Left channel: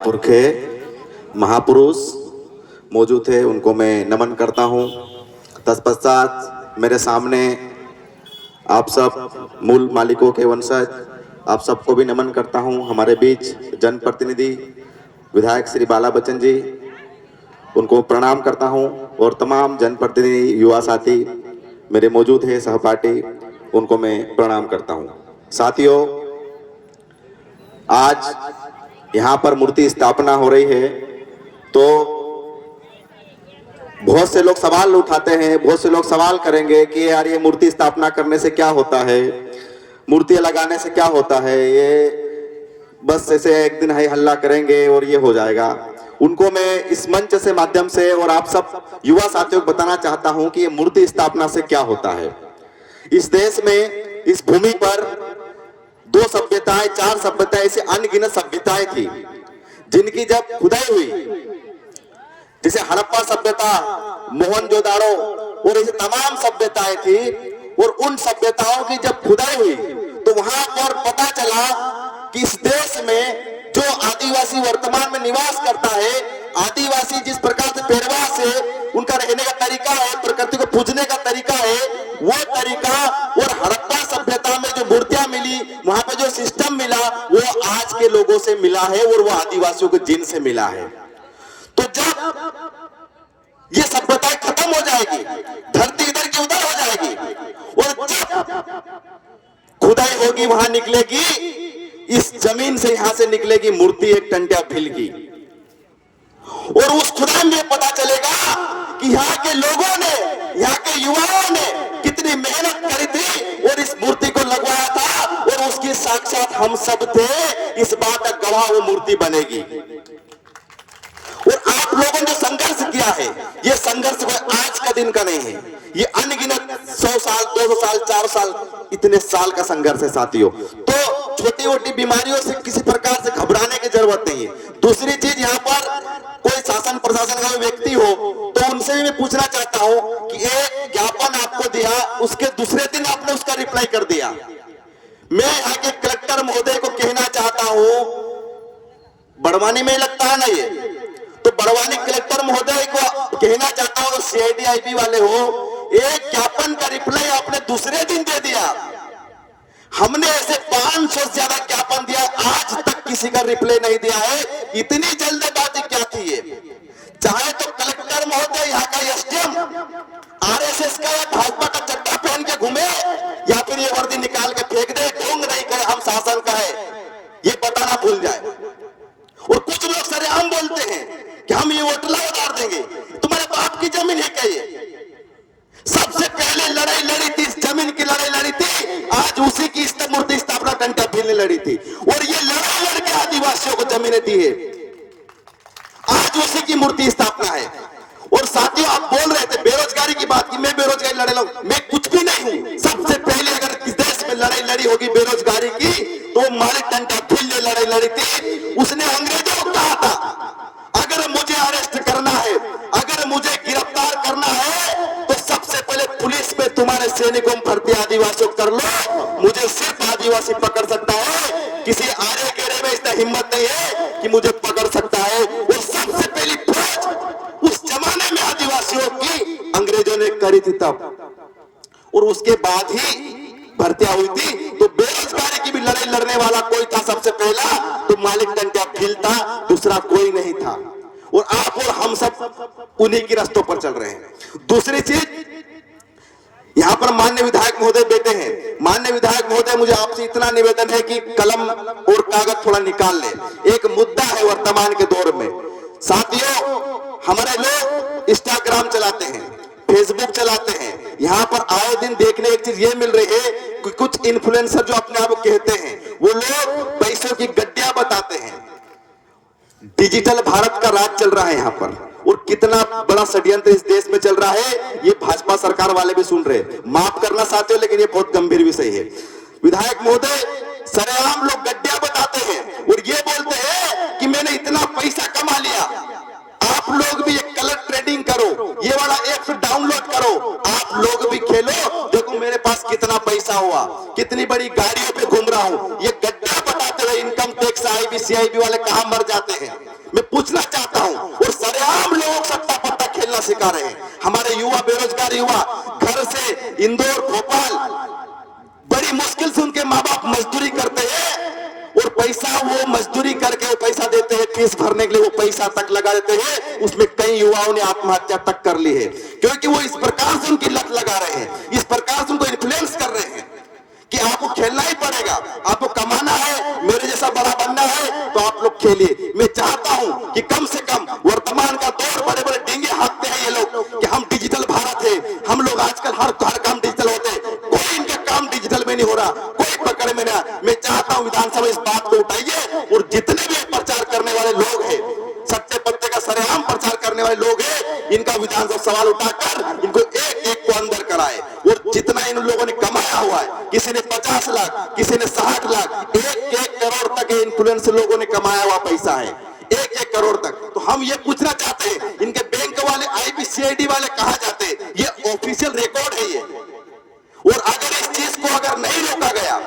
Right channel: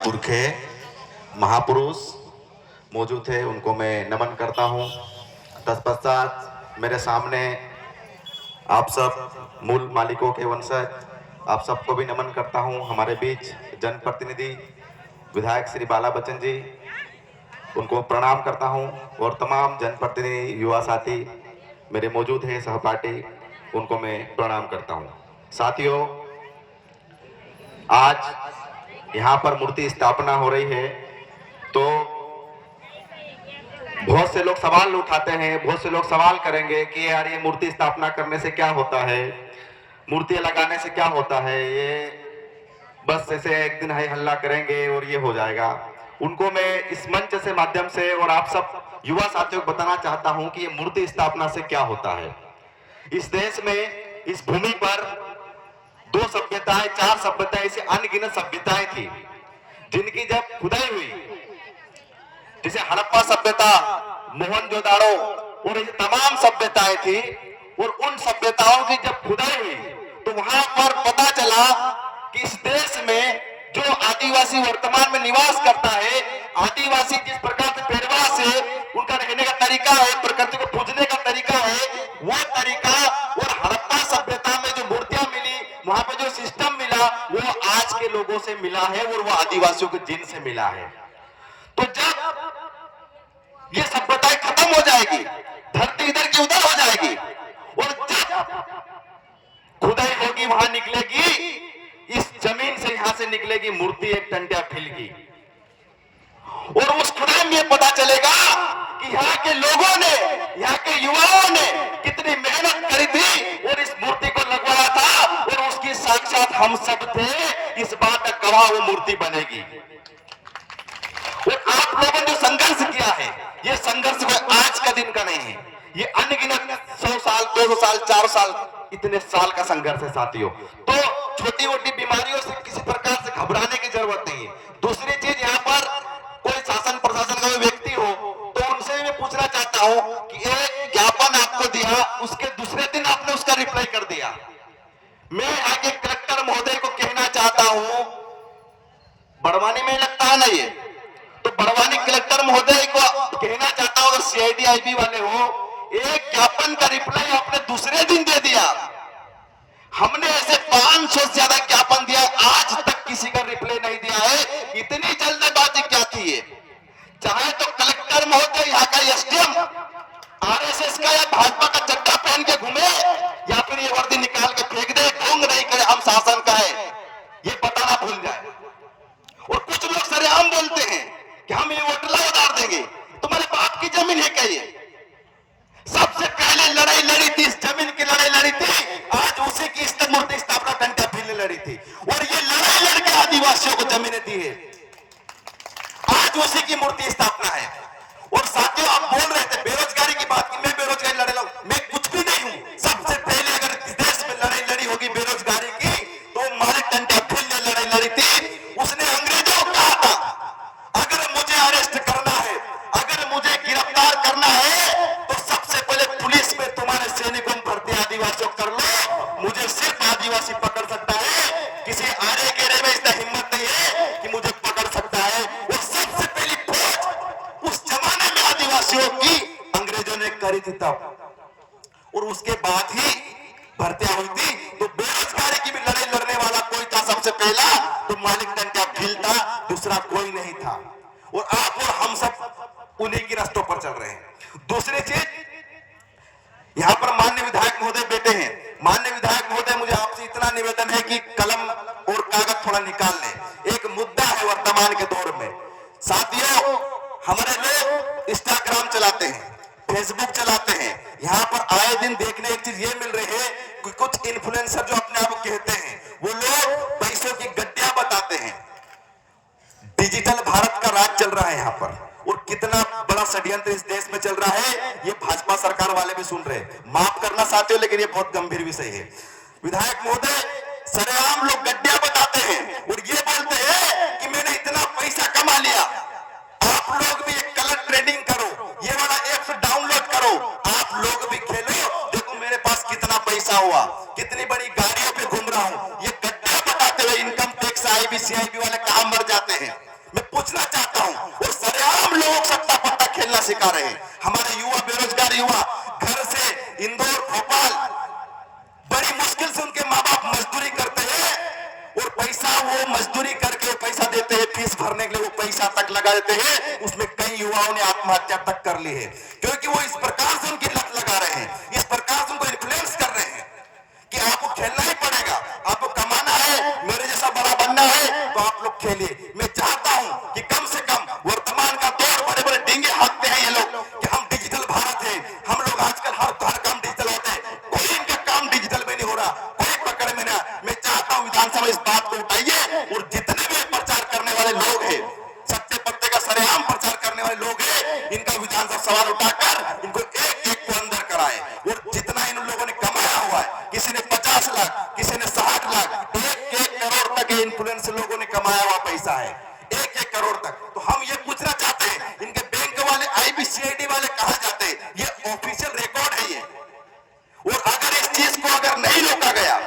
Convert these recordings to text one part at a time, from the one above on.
पुरखे महापुरुष मौजूद थे, उनको मैं नमन करता हूँ। तत्पश्चात मेरे सामने आप सब मूल मालिकों के वंशज, आप सबको भी नमन करता हूँ। हमारे बीच जनप्रतिनिधि विधायक श्री बाला बच्चन जी, उनको प्रणाम करता हूँ। और तमाम जनप्रतिनिधि युवा साथी मेरे मौजूद हैं, सहपाठी, उनको मैं प्रणाम करता हूँ। साथियों, आज यहाँ पर मूर्ति स्थापना हो रही है तो बहुत से लोग सवाल उठाते हैं, बहुत से लोग सवाल करेंगे कि यार ये मूर्ति स्थापना करने से क्या होता है, मूर्तियां लगाने से क्या होता है, ये बस ऐसे एक दिन है हल्ला करेंगे और ये हो जाएगा। उनको मैं इस मंच से माध्यम से और आप सब युवा साथियों को बताना चाहता हूं कि ये मूर्ति स्थापना से क्या होता है। इस देश में, इस भूमि पर 2 सभ्यताएं, 4 सभ्यताएं, ऐसे अनगिनत सभ्यताएं थी जिनकी जब खुदाई हुई, जैसे हड़प्पा सभ्यता, मोहनजोदाड़ो और ऐसे तमाम सभ्यताएं थी, और उन सभ्यताओं की जब खुदाई हुई तो वहां पर पता चला कि इस देश में जो आदिवासी वर्तमान में निवास करता है, आदिवासी जिस प्रकार से पहरवास है, उनका रहने का तरीका है, प्रकृति को पूजने का तरीका है, वो तरीका और हड़प्पा सभ्यता में जो मूर्तियां मिली, वहां पर जो सिस्टम मिला, वो आज के लोगों से मिला है और वो आदिवासियों के जिन से मिला है। तो जब ये सभ्यताएं खत्म हो जाएगी, धरती इधर की उधर हो जाएगी, और जब खुदाई होगी वहां निकलेगी, इस जमीन से यहां से निकलेगी मूर्ति एक टंट्या भील की, और उस खुदाई में पता चलेगा कि यहाँ के लोगों ने, यहाँ के युवाओं ने कितनी मेहनत करी थी और इस मूर्ति को लगवाया था, और उसकी साक्षात हम सब थे। इस बात का गवाह वो मूर्ति बनेगी। और आप लोगों ने जो संघर्ष किया है, ये संघर्ष कोई आज का दिन का नहीं है, ये अनगिनत 100 साल, 200 साल, 4 साल, इतने साल का संघर्ष है साथियों। तो छोटी मोटी बीमारियों से किसी प्रकार से घबराने की जरूरत नहीं है। दूसरी चीज, यहाँ पर कोई शासन प्रशासन का व्यक्ति हो तो उनसे भी मैं पूछना चाहता हूं कि एक ज्ञापन आपको दिया, उसके दूसरे दिन आपने उसका रिप्लाई कर दिया। मैं यहाँ के कलेक्टर महोदय को कहना चाहता हूं, बड़वानी में लगता है ना ये, तो बड़वानी कलेक्टर महोदय को कहना चाहता हूं, सीआईडी आईबी वाले हो, एक ज्ञापन का रिप्लाई आपने दूसरे दिन दे दिया। हमने ऐसे 500 से ज्यादा ज्ञापन दिया, आज तक किसी का रिप्लाई नहीं दिया है। इतनी जल्दबाजी क्या थी ये? चाहे तो कलेक्टर महोदय यहाँ का एसडीएम आरएसएस का या भाजपा का चड्डा पहन के घूमे, या फिर ये वर्दी निकाल के फेंक दे, ढोंग नहीं करे हम शासन का है, ये बताना भूल जाए। और कुछ लोग सरेआम बोलते हैं कि हम ये होटला उतार देंगे। तुम्हारे बाप की जमीन है क्या ये? सबसे पहले लड़ाई लड़ी थी, इस जमीन की लड़ाई लड़ी थी, आज उसी की मूर्ति स्थापना टंट्या भील ने लड़ी थी, और ये लड़ाई लड़के आदिवासियों को जमीनें दी है, आज उसी की मूर्ति स्थापना है। और साथियों, आप बोल रहे थे बेरोजगारी की बात की, मैं बेरोजगारी लड़े लूं, मैं कुछ भी नहीं हूं। सबसे पहले अगर इस देश में लड़ाई लड़ी होगी बेरोजगारी की, तो मालिक टंट्या भील ने लड़ाई लड़ी थी। उसने अंग्रेजों को कहा था, अगर मुझे अरेस्ट करना है, अगर मुझे गिरफ्तार करना है, तो सबसे पहले पुलिस में तुम्हारे सैनिकों में भर्ती आदिवासियों कर लो, मुझे सिर्फ आदिवासी पकड़ सकता है, किसी आरे गेरे में इतना हिम्मत नहीं है कि मुझे पकड़ सकता है। और सबसे पहली फौज उस जमाने में आदिवासियों की अंग्रेजों ने करी थी तब, और उसके बाद ही भर्तियां हुई थी। तो बेरोजगारी की भी लड़ाई लड़ने वाला कोई था सबसे पहला, तो मालिक टंट्या भील था, दूसरा कोई नहीं था। और आप और हम सब उन्हीं की रास्तों पर चल रहे हैं। दूसरी चीज, यहाँ पर माननीय विधायक महोदय बैठे हैं। माननीय विधायक महोदय, मुझे आपसे इतना निवेदन है कि कलम और कागज थोड़ा निकाल ले। एक मुद्दा है वर्तमान के दौर में साथियों, हमारे लोग इंस्टाग्राम चलाते हैं, फेसबुक चलाते हैं, यहाँ पर आए दिन देखने एक चीज ये मिल रही है कि कुछ इन्फ्लुएंसर जो अपने आप को कहते हैं, वो लोग पैसों की गड्डियां बताते हैं। डिजिटल भारत का राज चल रहा है यहाँ पर, और कितना बड़ा षड्यंत्र इस देश में चल रहा है, ये भाजपा सरकार वाले भी सुन रहे हैं। माफ करना साथियों, लेकिन ये बहुत गंभीर विषय है। विधायक महोदय, सरेआम लोग गड्डियां बताते हैं और ये बोलते हैं कि मैंने इतना पैसा कमा लिया। आप लोग भी ये कलर ट्रेडिंग करो, ये वाला ऐप डाउनलोड करो, आप लोग भी खेलो, देखो मेरे पास कितना पैसा हुआ, कितनी बड़ी गाड़ियों पे घूम रहा हूं। ये गड्ढा बताते हुए इनकम टैक्स आईबी सीआईबी वाले कहां मर जाते हैं। मैं पूछना चाहता हूं, और सरेआम लोगों को सट्टा पट्टा खेलना सिखा रहे हैं। हमारे युवा, बेरोजगार युवा घर से इंदौर, भोपाल बड़ी मुश्किल से उनके माँ बाप मजदूरी करते हैं, और पैसा वो मजदूरी करके पैसा देते हैं फीस भरने के लिए, वो पैसा तक लगा देते हैं। उसमें कई युवाओं ने आत्महत्या तक कर ली है, क्योंकि वो इस प्रकार से उनकी लत लगा रहे हैं, इस प्रकार से उनको इन्फ्लुएंस कर रहे हैं कि आपको खेलना ही पड़ेगा, आपको कमाना है, मेरे जैसा बड़ा बनना है तो आप लोग खेलिए। मैं चाहता हूं कि कम से कम वर्तमान का दौर, बड़े बड़े डिंगे हाँकते हैं ये लोग कि हम डिजिटल भारत है, हम लोग आजकल हर काम डिजिटल होते हैं, कोई इनका काम डिजिटल में नहीं हो रहा, कोई पकड़ में नहीं। मैं चाहता हूं विधानसभा इस बात को उठाइए, और जितने भी प्रचार करने वाले लोग हैं, सत्य पत्ते का सरेआम प्रचार करने वाले लोग हैं, इनका विधानसभा सवाल उठाकर इनको एक एक को अंदर कराए। और जितना इन लोगों ने कमाया हुआ है, किसी ने 50 लाख, किसी ने 60 लाख, 1-1 करोड़ तक इन्फ्लुएंस लोगों ने कमाया हुआ पैसा है, 1-1 करोड़ तक। तो हम ये पूछना चाहते हैं, इनके बैंक वाले, IBCID वाले कहां जाते हैं? ये ऑफिशियल रिकॉर्ड है ये। और अगर इस चीज को अगर नहीं रोका गया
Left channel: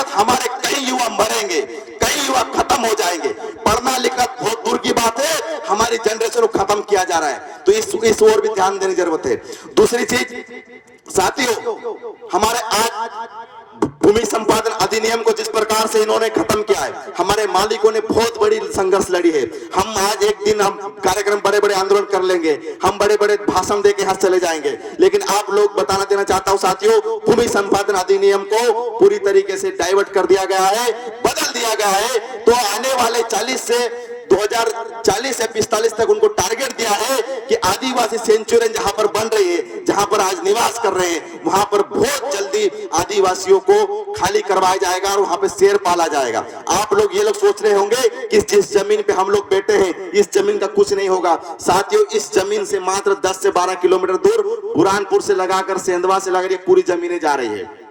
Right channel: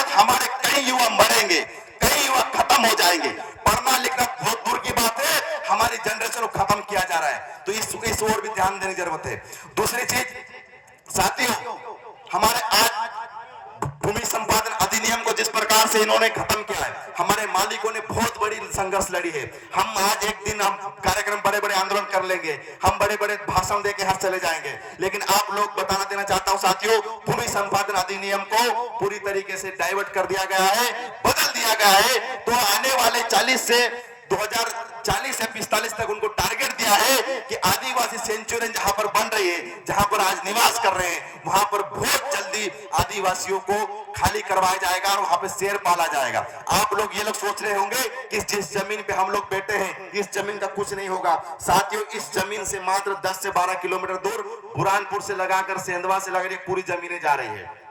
तो हमारे कई युवा मरेंगे, कई युवा खत्म हो जाएंगे। पढ़ना लिखना बहुत दूर की बात है, हमारी जनरेशन को खत्म किया जा रहा है, तो इस ओर भी ध्यान देने की जरूरत है। दूसरी चीज साथियों, हमारे आज भूमि संपादन अधिनियम को जिस प्रकार से इन्होंने खत्म किया है, हमारे मालिकों ने बहुत बड़ी संघर्ष लड़ी है। हम आज एक दिन हम कार्यक्रम, बड़े बड़े आंदोलन कर लेंगे, हम बड़े बड़े भाषण देके हाथ चले जाएंगे, लेकिन आप लोग बताना देना चाहता हूं साथियों, भूमि संपादन अधिनियम को पूरी तरीके से डाइवर्ट कर दिया गया है, बदल दिया गया है। तो आने वाले 40 से 2040 या 45 तक उनको टारगेट दिया है कि आदिवासी सेंचुरी जहां पर बन रही है, जहां पर आज निवास कर रहे हैं, वहां पर बहुत जल्दी आदिवासियों को खाली करवाया जाएगा और वहां पे शेर पाला जाएगा। आप लोग ये लोग सोच रहे होंगे कि जिस जमीन पे हम लोग बैठे हैं, इस जमीन का कुछ नहीं होगा। साथियों, इस जमीन से मात्र 10 से 12 किलोमीटर दूर बुरहानपुर से लगाकर सेंधवा से लगाकर पूरी जमीनें जा रही है।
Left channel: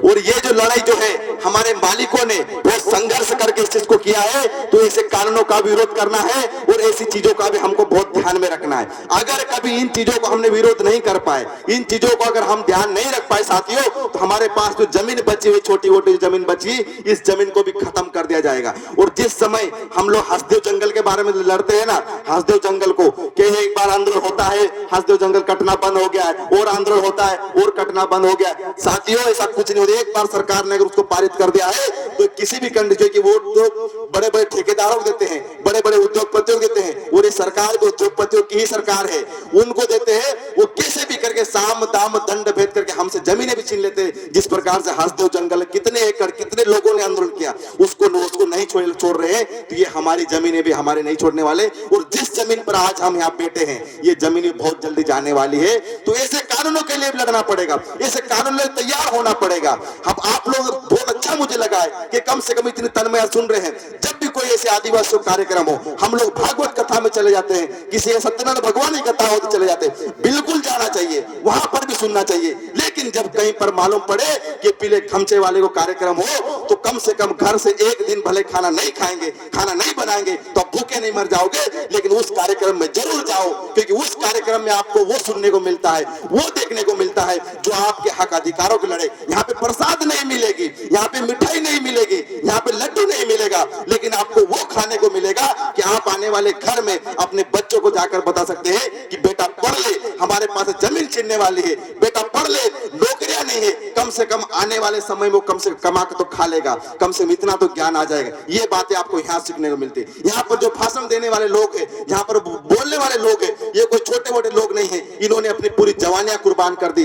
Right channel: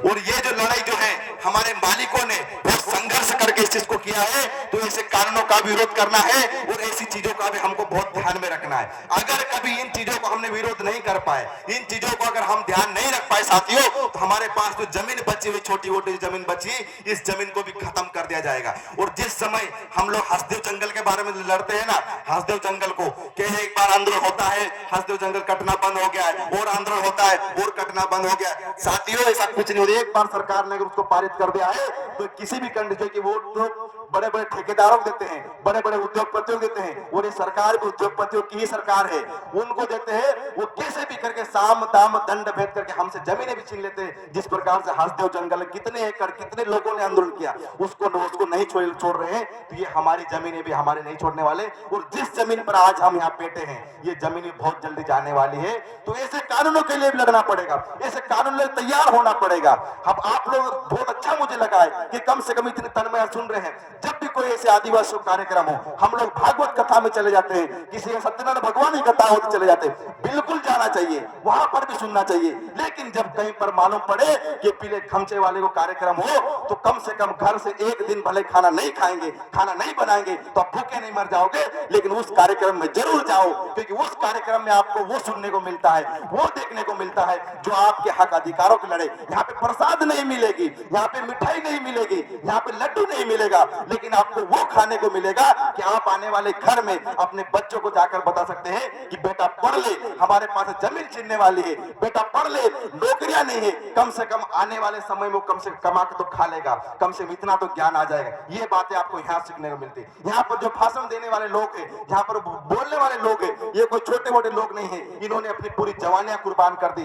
और ये जो लड़ाई जो है, हमारे मालिकों ने बहुत संघर्ष करके इस चीज को किया है, तो ऐसे कानूनों का विरोध करना है और ऐसी चीजों का भी हमको बहुत ध्यान में रखना है। अगर कभी इन चीजों को हमने विरोध नहीं कर पाए, इन चीजों को अगर हम ध्यान नहीं रख पाए साथियों, तो हमारे पास जो जमीन बची हुई, छोटी मोटी जमीन बची, इस जमीन को भी खत्म कर दिया जाएगा। और जिस समय हम लोग हंसदेव जंगल के बारे में लड़ते हैं ना, हंसदेव जंगल को कि एक बार आंदोलन होता है, हंसदेव जंगल कटना बंद हो गया है, और आंदोलन होता है और कटना बंद हो गया। साथियों, ऐसा कुछ नहीं, एक बार सरकार ने अगर उसको पारित कर दिया है, तो किसी भी कंडीशन की वोट तो बड़े बड़े ठेकेदारों को देते हैं, बड़े बड़े उद्योगपतियों को देते हैं, और ये सरकार जो उद्योगपतियों की ही सरकार है, उनको देते हैं। वो कैसे भी करके साम दाम दंड भेद करके हमसे जमीनें भी छीन लेते हैं। जिस प्रकार से हंसदेव जंगल कितने एकड़, कितने लोगों ने आंदोलन किया, उसको नहीं छोड़ रहे हैं, तो ये हमारी जमीनें भी हमारे नहीं छोड़ने वाले। और जिस जमीन पर आज हम यहाँ बैठे हैं, ये जमीन बहुत जल्दी जाने वाली है। तो ऐसे कानूनों के लिए भी लड़ना पड़ेगा, ऐसे कानून लिए तैयार होना पड़ेगा। हम आप लोग, बहुत अच्छा मुझे लगा है कि कम से कम इतने तन्मय सुन रहे हैं। जब भी कोई ऐसे आदिवासी कार्यक्रम हो, हम लोग भागवत कथा में चले जाते हैं, किसी सत्यनारायण भगवान की कथा हो तो चले जाते हैं, बिल्कुल जाना चाहिए, वहां पर भी सुनना चाहिए। लेकिन जब कहीं पर मालूम पड़े कि पीले खमचे वाले को कार्यक्रम हो, तो कम से कम घर से एक दिन भले खाना नहीं खाएंगे, खाना नहीं बनाएंगे, तो आप भूखे नहीं मर जाओगे, लेकिन उस कार्यक्रम में जरूर जाओ, क्योंकि उस कार्यक्रम में आपको वो सुनने को मिलता है, वो देखने को मिलता है जो आपके हक अधिकारों के लड़े। यहाँ पे प्रसाद नहीं मिलेगी, यहाँ पे मिठाई नहीं मिलेगी, यहाँ पे लड्डू नहीं मिलेगा, लेकिन आपको वो खाने को मिलेगा कि आप आने वाले घर में अपने बच्चों को जाकर बता सकते हैं कि बेटा पढ़ ले, हमारे पास जमीन छीनने वाली है, बेटा पढ़ ले, नौकरियां नहीं है, कम से कम आने वाले समय में वो कम से कमा के तो खा लेगा, कम से इतना तो ज्ञान आ जाएगा। ये बातें आपको यहाँ सीखने को मिलती है। यहाँ पर जो भाषण देने वाले लोग हैं, यहाँ पर बोलने वाले लोग हैं, ये कोई छोटे मोटे लोग नहीं है। इन्होंने अपनी पूरी जवानियां कुर्बान कर दी।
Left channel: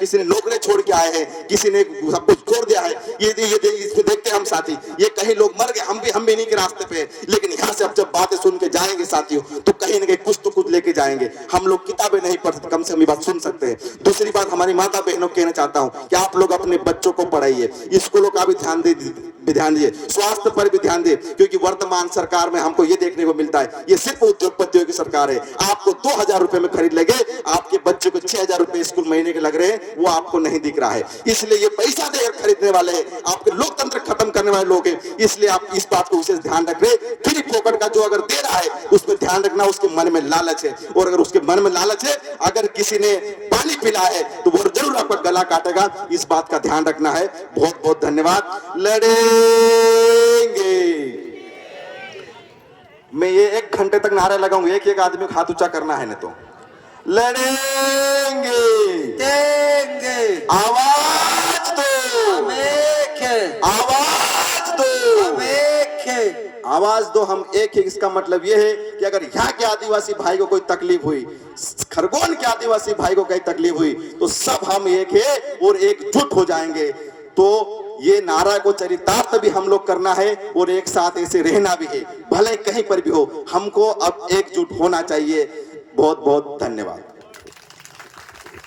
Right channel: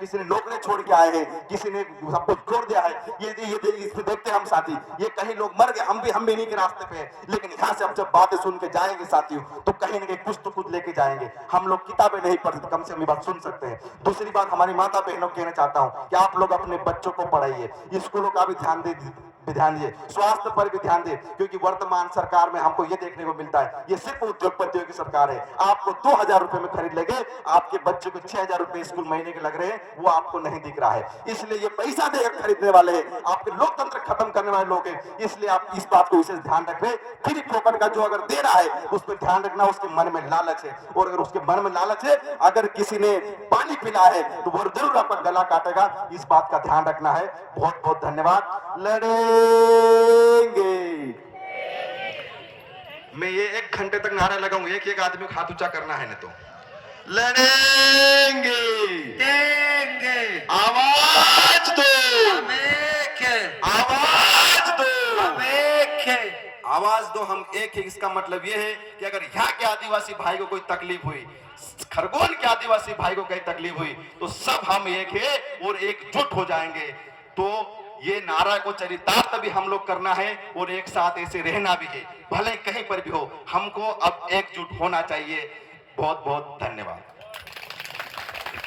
किसी ने नौकरी छोड़ के आए हैं, किसी ने सब कुछ छोड़ दिया है। ये इसको देखते हैं हम साथी, ये कहीं लोग मर गए, हम भी नहीं के रास्ते पे। लेकिन यहाँ से अब जब बातें सुन के जाएंगे साथियों, तो कहीं ना कहीं कुछ तो कुछ लेके जाएंगे। हम लोग किताबें नहीं पढ़ते, कम से कम ये बात सुन सकते हैं। दूसरी बात, हमारी माता बहनों को कहना चाहता हूँ कि आप लोग अपने बच्चों को पढ़ाइए, स्कूलों का भी ध्यान दीजिए, स्वास्थ्य पर भी ध्यान दे, क्योंकि वर्तमान सरकार में हमको ये देखने को मिलता है, ये सिर्फ उद्योगपतियों की सरकार है। आपको 2000 रुपए में खरीद लेंगे, आपके बच्चों को 6000 रुपए स्कूल महीने के लग रहे हैं, वो आपको नहीं दिख रहा है। इसलिए ये पैसा देकर खरीदने वाले हैं, आपके लोकतंत्र खत्म करने वाले लोग हैं। इसलिए आप इस बात को विशेष ध्यान रख रहे। फ्री फोकट का जो अगर दे रहा है, उस पर ध्यान रखना, उसके मन में लालच है, और अगर उसके मन में लालच है, अगर किसी ने पानी पिला है तो वो जरूर आपका गला काटेगा। इस बात का ध्यान रखना है। बहुत बहुत धन्यवाद। लड़ेंगे मैं ये 1 घंटे तक नारा लगाऊंगा, एक एक आदमी को हाथ ऊंचा करना है, नहीं तो लड़ेंगे, देंगे, आवाज दो, हम एक हैं, आवाज दो, हम एक हैं। आवाज दो, हम एक ही। इसका मतलब यह है कि अगर यहाँ के आदिवासी भाई को कोई तकलीफ हुई, खरगोन के आदिवासी भाई को कहीं तकलीफ हुई, तो सब हम एक है और एकजुट हो जाएंगे। तो ये नारा को चरितार्थ भी हम लोग करना है और एक साथ ऐसे रहना भी है, भले कहीं पर भी हो, हमको अब एकजुट होना चाहिए। बहुत बहुत धन्यवाद।